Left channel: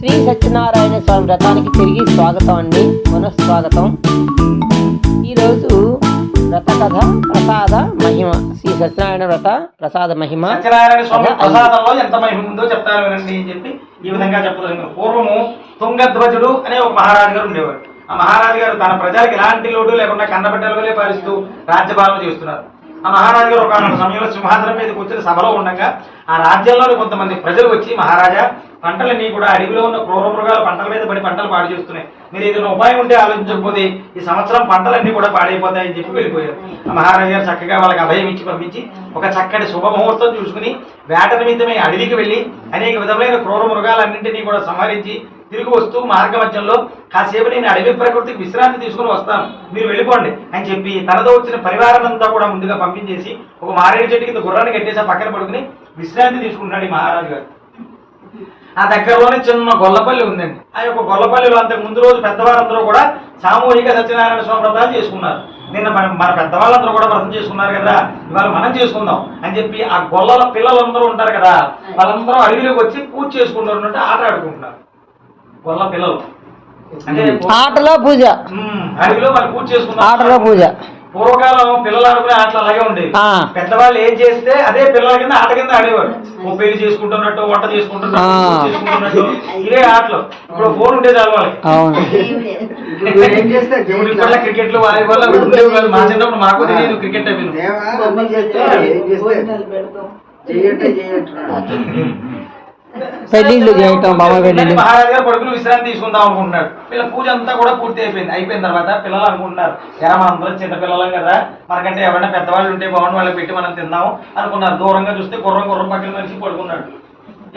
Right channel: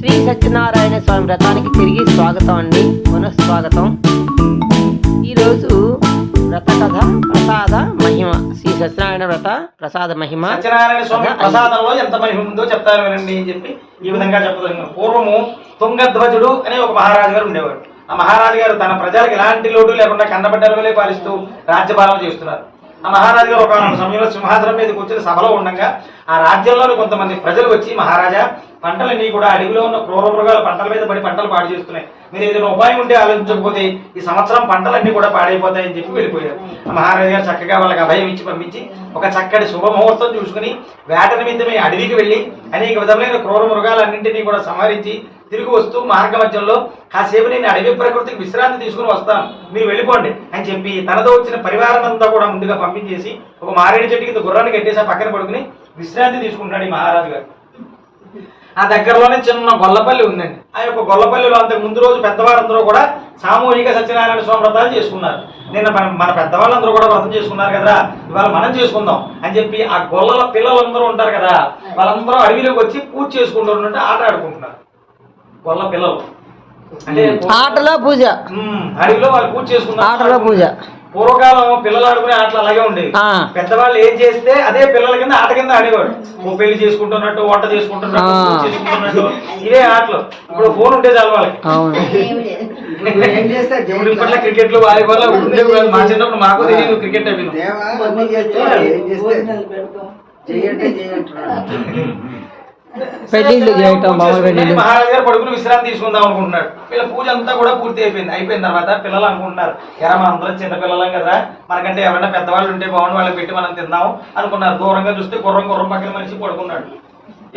శ్రీ సత్యనారాయణ స్వామి వ్రతానికి తిరిగి స్వాగతం అండి. పునఃస్వాగతం. ఈరోజు వ్రత కథ ప్రసాద మహిమ. శ్రీ సత్యనారాయణ వ్రత ప్రసాద మహిమ. సత్యనారాయణ స్వామి ప్రసాదంలో ఎంత మహిమ ఉందో చెప్తాను వినండి అని చెప్పి ఈ విధంగా చెప్పదగిన పూర్వము తుంగధ్వజుడు అనే ఒక మహారాజు గారు ఉండేవాడు ఆ మహారాజు గారు తన ప్రజలకు ఎలాంటి లోటు లేకుండా కన్నబిడ్డలుగా పాలిస్తూ రాజ్యపాలన చేస్తున్నారు. ఆ మహారాజు గారు ఒక సమయంలో సింహాసనం మీద కూర్చొని సభలో ఉండగా ఆ రాజ్యంలోని కొంతమంది ప్రజలు వచ్చి మహారాజా పంటలన్నీ కూడా అడవిలో ఉన్న క్రూర మృగాలు పంటల మీద పడి పంటలు పాడు చేస్తున్నాయి. మీరు ఏదైనా ఉపాయం ఉంటే ఆలోచించకపోతే ఈ సంవత్సరం పంటలన్నీ కూడా పాడైపోతాయని చెప్పి వెళ్ళిపోయారు. ఆ మహారాజు గారు చక్కగా వాళ్ళకి అభయం ఇచ్చి పంపించి ఒక చక్కటి శుభముహూర్తం చూసుకుని వేట నిమిత్తమే అడవికి వెళ్ళి అనేక విధమైన క్రూర మృగాలన్నింటినీ కూడా సంహరించి తిరిగి వస్తూ మార్గ మధ్యంలో కాసేపు నేను అడవి ప్రకృతికి విశ్రాంతి తీసుకుని వస్తాను. మీరు వెళ్ళిపోండి అని చెప్పి తనతో వచ్చిన పరివారం అంతా కూడా ముందుగా పంపించేసి ఒక మారేడు చెట్టు కింద గుర్రాన్ని కట్టేసి పక్కన పడుకుని విశ్రాంతి తీసుకుంటున్నాడు ఈ మహారాజు గారు. ఆ దగ్గరలోనే చిన్న గొల్లపల్లి ఉందండి. ఆ యొక్క గొల్లపల్లిలో అంతకు ముందు రోజు పెద్దవారందరూ కూడా సామూహిక సత్యనారాయణ స్వామి వ్రతాలు చేసుకున్నారు. నిన్న మన మన పెద్దవాళ్ళందరూ కూడా వ్రతం చేసుకున్నారు కదా ఇవాళ మనం చేసుకుందాం అని చెప్పి ఆ గొల్లల పిల్లలందరూ ఉంటారు కదా వాళ్ళందరూ అడవిలోకి వచ్చి పూజ చేసుకుంటున్నట్టు ఆట ఆడుకుంటున్నారు. అంటే ఆటలో పూజ. అడవిలో వాళ్ళు పూజ చేసుకున్నారు ఆటలో పూజ. పూర్వకాలం పిల్లలు ఆడుకునే ఆటలు అలాగే ఉండేవి. పెద్దవాళ్ళు ఏం చేస్తే అదే పిల్లల కింద ఆట కింద ఆడేవాడు ఓ పెళ్ళి చేసుకుంటున్నట్టు వంట చేసుకుంటున్నట్టు ఇవే ఆటలు. ఇప్పుడు ఫోన్ ఉండేది చాలు వాళ్ళకి. అవును. ఇప్పుడు ఇప్పట్లో క్రికెట్లో వాలీబాల్ ఉండేవి కాదు. మా చిన్నప్పుడు మాకు తెలియదు క్రికెట్ అవి. పెళ్ళిళ్ళు చేయటం బామ్మ పెళ్ళిళ్ళు మహారాజు గారు పడుకుని విశ్రాంతి తీసుకుందాం అనుకుంటున్నాడు వీళ్ళ పూజ అంతా కూడా పూర్తి అయిపోయింది. అయిపోయిన తర్వాత పిల్లలు అనుకుంటున్నారు ఎరా మన అందరం చిన్న పిల్లలం కదా మనకంటే ఎవరైనా పెద్దవాళ్ళు ఉంటే బాగుండి వాళ్ళకి పెట్టి మనం తిందాం అనుకున్నారు. దూరంగా చూస్తే గుర్రం గుర్రం పక్కన మనిషి పడుకున్నాడు.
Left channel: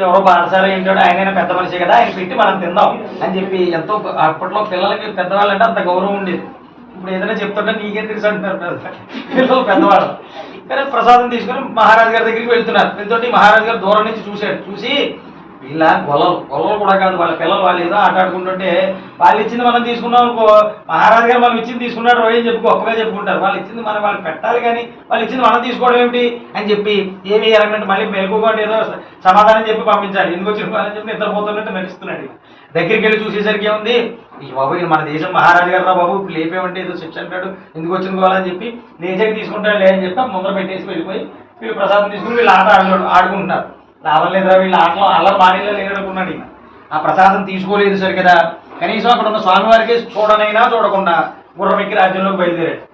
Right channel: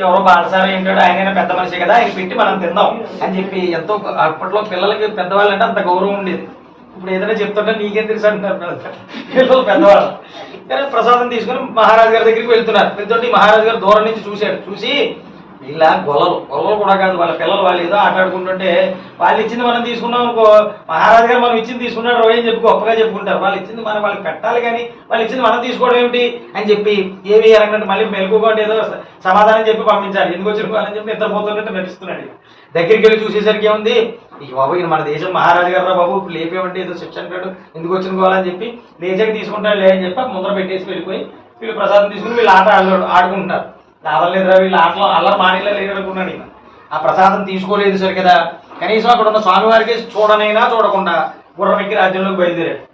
ఎవరో బాలసారి ఏంటో ఆయన పెద్ద మనిషి కదా ఆయన పెట్టి మనం తిందాం అని చెప్పి ఎంతో అప్పట్లో పిల్లలకి పెద్దవాళ్ళు అంటే అంత గౌరవం ఉండేది. ఇప్పుడు ఏదైనా చెప్తుంటే నీకేం తెలుసు అంటున్నారు పిల్లలు పెద్దవాళ్ళు. కానీ ప్రసాదం తీసుకుని మహారాజు గారి దగ్గరికి వెళ్తున్నారు. వెళ్తుంటే మహారాజు గారు దూరం నుంచి చూశాడు. చూసి ఇలా గొల్లలు. గొల్లలు కూడా కాదు వాళ్ళ పిల్లలు వాళ్ళు ఏదో ఆటాడుకుంటుంటే వాళ్ళు ఇచ్చింది మనం తీసుకున్నాం అనుకో మహారాజు గారు మనం ఇచ్చింది తీసుకున్నాడు రోజు అని చెప్పి గొప్పగా చెప్పుకుంటారు. వాళ్ళు ఇచ్చింది మనం వాళ్ళకి పెట్టాలి కానీ వాళ్ళు ఇచ్చింది మనం తీసుకోవడం ఏమిటి అని చెప్పి ఏమి చేయాలంటే మళ్ళీ మెలుగుకోండి ఏదో సమాధానం చెప్పి పంపించాలి. ఎందుకు వచ్చిన అని చెప్పి నిద్రపోతున్నట్టు నటిస్తున్నాడు ఈయన. దగ్గరికి వెళ్ళి చూసేసరికి ఏముంది? ఈ బాబు మన దేశం మహారాజు గారు రా బాబు లేపేమంటే ఏదో శిక్ష అంటాడు. ఎందుకు వచ్చిన కోవాలని చెప్పి లేచాక తీసుకుంటాడు లే అని చెప్పి ముందర పెట్టేసి వెళ్ళిపోయి వీళ్ళు ప్రసాదం తీసుకుని వీళ్ళు ఆట ఆడు ఆడుకుంటున్నారు. లాభం వీళ్ళు ఆటలో అలా మాడిలో లేదనుకున్నాడు ఈయన. ఆ ప్రసాదం తీసుకోలేదు సరి కదా. కనీసం అక్కడ ఉన్న స్వామివారికి చూడనైనా చూడకుండా గుర్రమెక్కి రాజ్యంలోకి బయలుదేరాడు.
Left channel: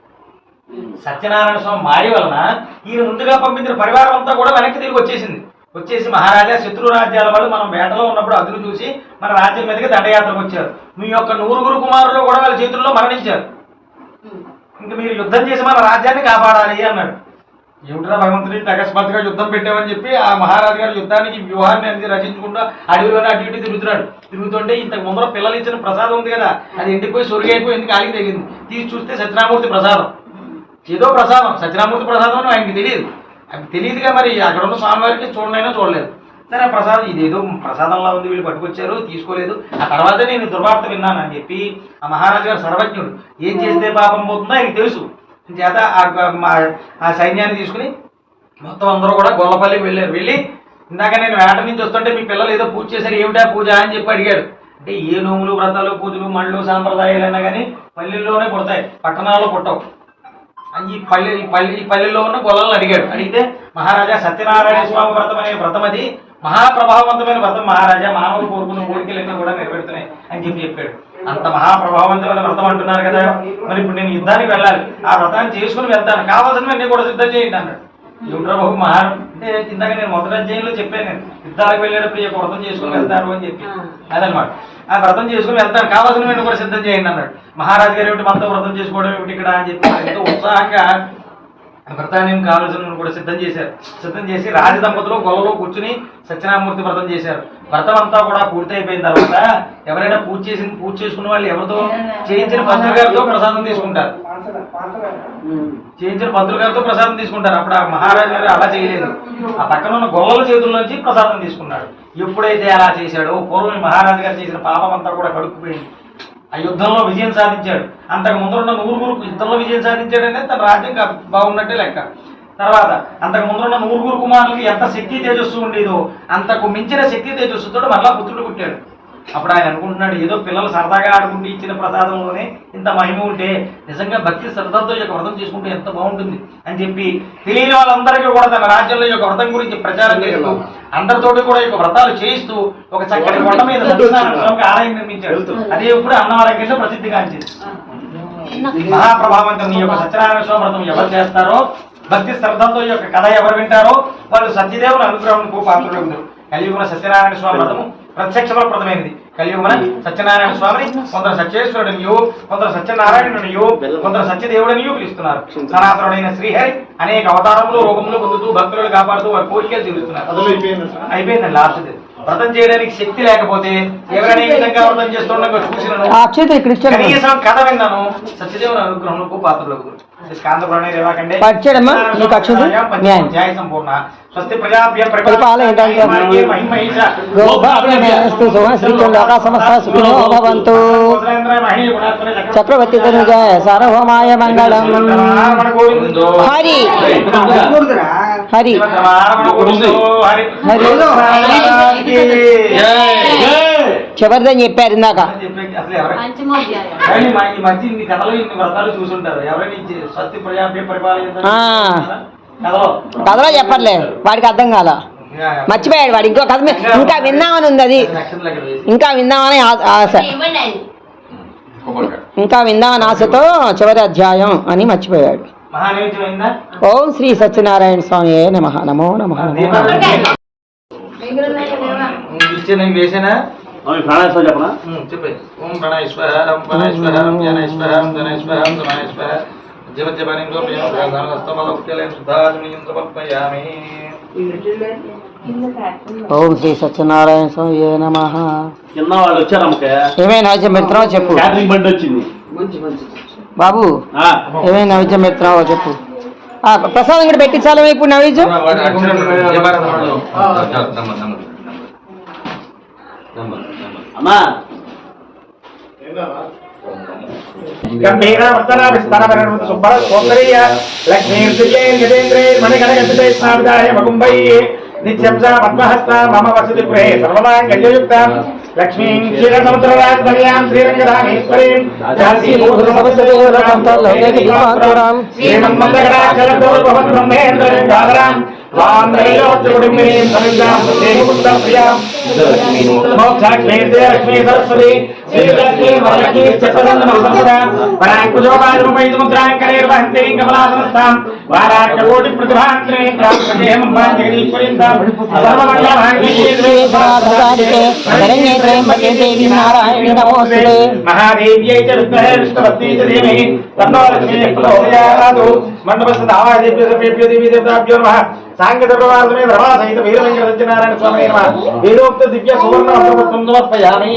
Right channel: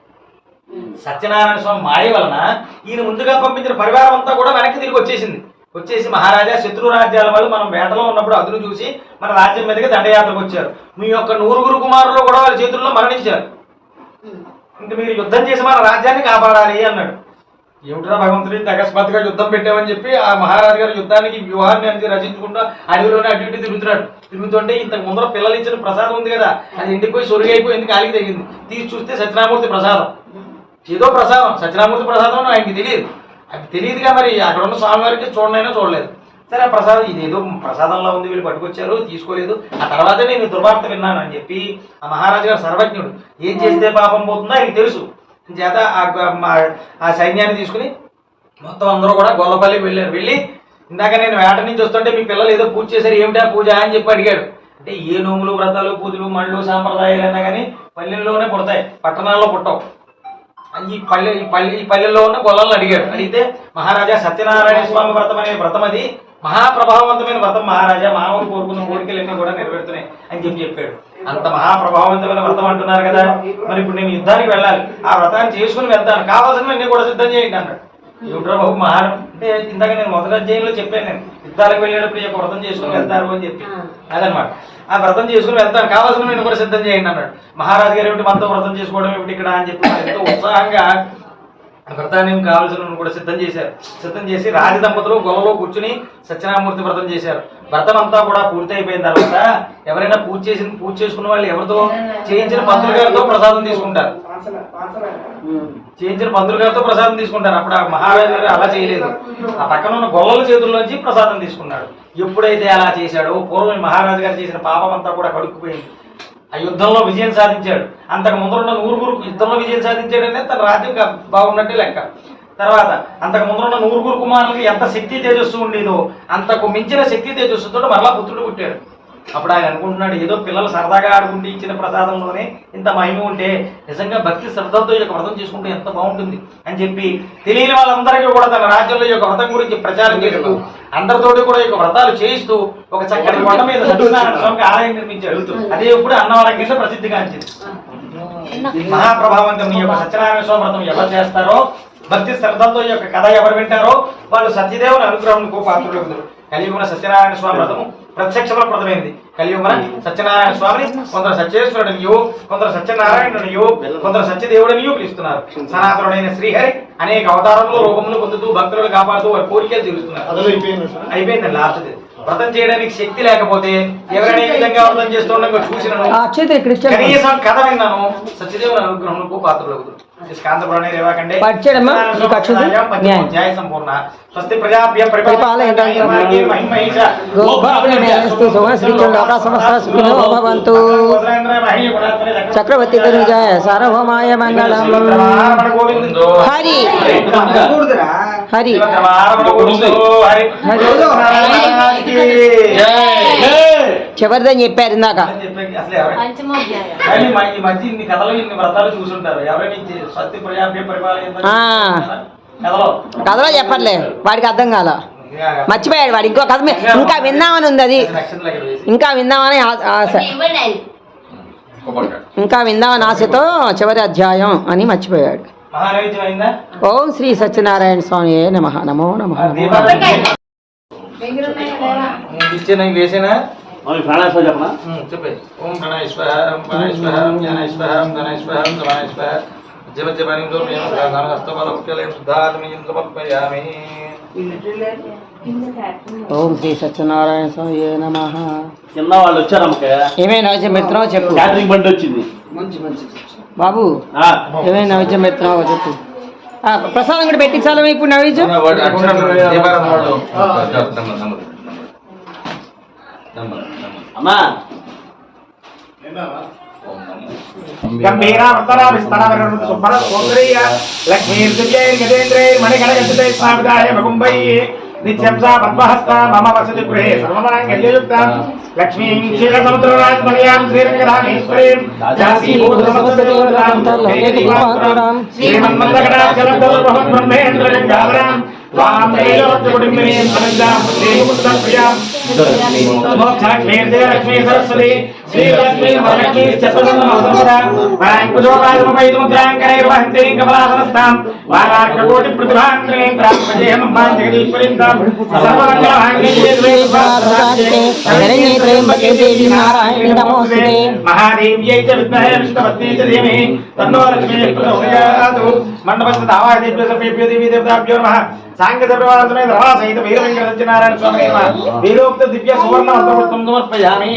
సత్యనారాయణ స్వామి మాడి వలన ఈయన ముందుగా పంపించిన పరివారం అంతా కూడా వెనక్కి తిరిగి వచ్చేసింది. వచ్చేసి మహారాజా శత్రు రాజ్యాల వాళ్ళు మనం వేటలో ఉన్నప్పుడు అదును చూసి మన రాజ్యం మీదకి దండయాత్రకు వచ్చారు. మీ యొక్క నూరుగురు కుమారులు కూడా వాళ్ళ చేతుల్లో మరణించారు. ఇంక మీరు యుద్ధం చేసి మన రాజ్యాన్ని కాపాడాలి అన్నాడు. ఏమిట్రా భగవంతుడి అకస్మాత్తుగా యుద్ధం పెట్టామని చెప్పి ఆ మహారాజు గారు యుద్ధానికి వ్యూహాన్ని అనేది రచించకుండా అడవిలోనే అటు ఇటు తిరుగుతున్నాడు. తిరుగుతుంటే ఇంతకు ముందర పిల్లలు ఇచ్చిన ప్రసాదం ఉంది కదా అది ఎండిపోయి సొరిగైపోయి ఎందుకు కాలికి తగిలింది తీసి చూస్తే సత్యనామూర్తి ప్రసాదం. ఏదో ప్రసాదం సత్యనామూర్తి ప్రసాదం ఆయనకి తెలియదు. అది తెలియదుగా మరి అక్కడ ఉన్న స్వామివారికి చూడనైనా చూడలేదు. సరే ప్రసాదం ఇదేదో ప్రసాదంలా ఉంది వీళ్ళు పట్టుకొచ్చారు తీసుకోలేదు. ఆ తర్వాత నేను దుర్వార్త విన్నాను అని చెప్పి ఆ మహారాజు గారు సర్వజ్ఞుడు. ఏం చేస్తే పాపం పోతుందో ఆయనకి తెలుసు. చేత ఆ మా- ఆ సైన్యాన్ని తీసుకుని మొత్తం అందరూ కూడా గొల్లపల్లికి వెళ్ళారు. వెళ్ళి ఇందాక నేను వేట నుంచి వస్తుంటే మీ పిల్లలు ఏదో పూజ చేశారు. ఏమిటా పూజ అని చెప్పి అడిగాడు. అంటే ఏ నోములు వ్రతాలు పూజలు మళ్ళు సాంప్రదాయాలు అయినా కానీ పల్లెల్లోనే పుడతాయి. పట్టణాల్లో పుట్టవు. ఈ పల్లె ఈ పల్లె ఈ పల్లెల్లో ఉన్న గొల్లలను అడిగాడు. అడిగితే మహారాజా సత్యనారాయణ స్వామి వ్రతం అనే వ్రతం అది. మహాప్రభావవంతమైన వ్రతం మహారాజా. మానవులు కోరుకున్న కోరికలన్నీ కూడా నెరవేరుతున్నాయి అని చెప్పి చెప్పాడు. అంత మహాప్రభావవంతమైన వ్రతం అంటున్నారు కదా. మరి ఇప్పుడు నేను యుద్ధానికి వెళ్ళాలి. ఆ వ్రతాన్ని చేసుకుని వెళ్తాను. కావాల్సినవన్నీ కూడా సిద్ధం చేయండి అన్నాడు. ఏమిట్రా బాబు మహా అంటే ఇందాక నేను మొదటి అధ్యాయంలో చెప్పాను నేను యుద్ధాలకు వెళ్ళేటప్పుడు యొక్క వ్రతం చేసుకుని వెళ్తారు అని చెప్పి. అదనమాట. ఆ వ్రతం చేసుకుని వెళ్తాను కావాల్సినవన్నీ కూడా సిద్ధం చేయండి అన్నాడు. మహారాజు గారు ఏమిటి మనతో వ్రతం చేసుకోవడం ఏమిటి ఇక్కడ అని చెప్పి ఎంతో ఉత్సాహంగా ఆ వ్రతాన్ని కావాల్సిన కూడా సిద్ధం చేశారు. సిద్ధం చేసి రాజ దంపతులు గొల్లలో కూర్చుని సత్యనారాయణమూర్తి వ్రతం చేశారు. వ్రతం అంతా కూడా పూర్తి అయిపోయిన తర్వాత ఎవరైనా పూజ చేసి పూజ చేసుకున్న వాళ్ళు ఎవరితో చేయించిన పంతులు గారితో ప్రసాదం తీసుకుంటారు. చేయించిన పంతులు గారితో ప్రసాదం తీసుకుంటారు. అప్పుడు ఆ మహారాజు గారు అలా చేయలేదు. ఆ పక్కన ఉన్న గొల్లల చేతుల్లోంచి ప్రసాదం తీసుకున్నాడు. ఎప్పుడైతే అలా చేశాడో పూర్వం మహారాజు గారు చేసిన పాపం అంతా కూడా కడుక్కుపోయింది. ఆ యుద్ధంలో విజయం సాధించాడు. అంతకు ముందరున్న నూరుగురు యుద్ధంలో విజయం సాధించాడనే తన రాజ్యం బాగున్నట్టే లెక్క. తర్వాత అంతకు ముందరున్న నూరుగురు కుమారులకి ఎంత శక్తి తేజస్సు ఉండేదో అంతకు మించిన శక్తి తేజస్సుతో మరలా పుత్రుడు పుట్టాడు. అప్పుడు ఆయన అనుకుంటున్నాడు ఏదో పిల్లలు సరదాగా ఆడుకుంటూ ఇచ్చిన ప్రసాదంలోనే ఇంత మహిమ ఉంటే నిజంగా భక్తి శ్రద్ధతో యొక్క వ్రతం చేసుకుంటే ఎంత బాగుంటుంది? అని చెప్పి తెలియని వాళ్ళందరికీ కూడా తన రాజ్యంలో యొక్క వ్రతం గురించి ప్రచారం చేస్తూ అందరితోటి కూడా యొక్క వ్రతాలు చేయిస్తూ ఒక చక్కటి కొండ మీద సత్యనారాయణ స్వామికి ఆలయం నిర్మించాడు. అదే ఇప్పుడు అన్నవరం కింద ప్రసిద్ధిగాంచింది మహాప్రభావంతం యొక్క సత్యనారాయణ స్వామి వ్రతం ఎవరు చేస్తారో భక్తి శ్రద్ధతో యొక్క కథ ఎవరు వింటారో వాళ్ళు సత్యదేవుని అనుగ్రహంకు పాత్రలు కలియుగున సత్యనారాయణ స్వామి వ్రతము ప్రత్యక్ష ప్రదమైనది కలియుగున సత్యనారాయణ స్వామిని కొందరు సత్యేశ్వరుడనియో కొందరు సత్యనారాయణునియో కొందరు సత్యదేవుడనియో పిలుస్తున్నారు. సనాతనుడైన శ్రీహరి అనేక అవతారములు రూపములు పొందుతూ భక్తులను కాపాడుతూ వారి కోరికలు తీరుస్తున్నారు. అయిపోయిందండి లాస్ట్ వ్రతం చేయడానికి శక్తి లేకపోతే ఎవరైనా ఈ విధంగా వ్రతం చేస్తుండగా చూసిన ఆ అక్షయత ఇక్కడ ఇచ్చాను కనీసం కథ విన్నాను సత్యదేవుని అనుగ్రహంకు పాత్రలు చక్రవర్తి తనుజాయ సార్వభౌమాయ మంగళం హరి? హరి. హరి. చివరిదని చెప్పారు ఇందాక? కథలు చెప్పర్లే. వాడికి అర్థం కాల. మర్చిపోయాడు వాడు. ఇంకో కథ ఇంకా విందామని ఉంది అది. ఇంకా విందామని ఆ- ఆశ. ఇంకా విందామని ఆశతో చివరి అధ్యాయం అని మర్చిపోయాడు. ఓం శ్రీ సత్యనారాయణ స్వామి నమ నమో నమ నమో నమః. ఓం శ్రీ సత్యనారాయణ స్వామి నమ. కింద వాళ్ళు వచ్చారు అమ్మకే ఏమైనా పెడుతున్నావో చెప్పు. క్యాటరింగ్ బండి వచ్చింది. మంచి మంచి. బాబు ఆ, ఏమైనా నైవేద్యం పెడుతున్నావో చెప్పు. ఆ, ప్రసాదం కూడా పెట్టించాలి ఇప్పుడు నైవేద్యం అమ్మా. స్థాపితాయ మగుంబై నిత్యం సా పద్మహస్త మమ వసతి గృహే సర్వమాంగళ్యయుక్త లక్ష్మీం క్షీరసముద్రరాజమణియాం శ్రీరంగరామేశ్వరీం శ్రీమన్మందగడాచలదోర్భవన్మేంద్రలింగాధరాం త్వాం త్రైలోక్యకుటుంబినీం సమిజాం శ్రీముకుందప్రియాం మోక్షాక్షేత్రే లక్ష్మీ సరస్వతి శ్రీలక్ష్మీ వరలక్ష్మీ చతుర్నందమసంస్థాం వరాంకుజోపాదముపైతుముద్రాంకరైర్వహంతీం కమలాసనస్థాం వారార్కకోటి ప్రతిభాంతరేంద్రాం ప్రజేహమంబాం జగదీశ్వరీం తాం శరణ్యే త్రయంబకే దేవి నారాయణి నమోస్తుతే మహాదేవ్యై చ విద్మహే విష్ణుపత్ని చ ధీమహి తన్నో లక్ష్మీ ప్రచోదయాతు మండపస్థ దావాదేభ్యో సర్వేభ్యో సాంగత ప్రవాసమే రమా సహిత వీర సత్యనారాయణ స్వామి వీరోక్త దివ్య సువర్ణ మంత్రపుష్పం సమర్పయామి.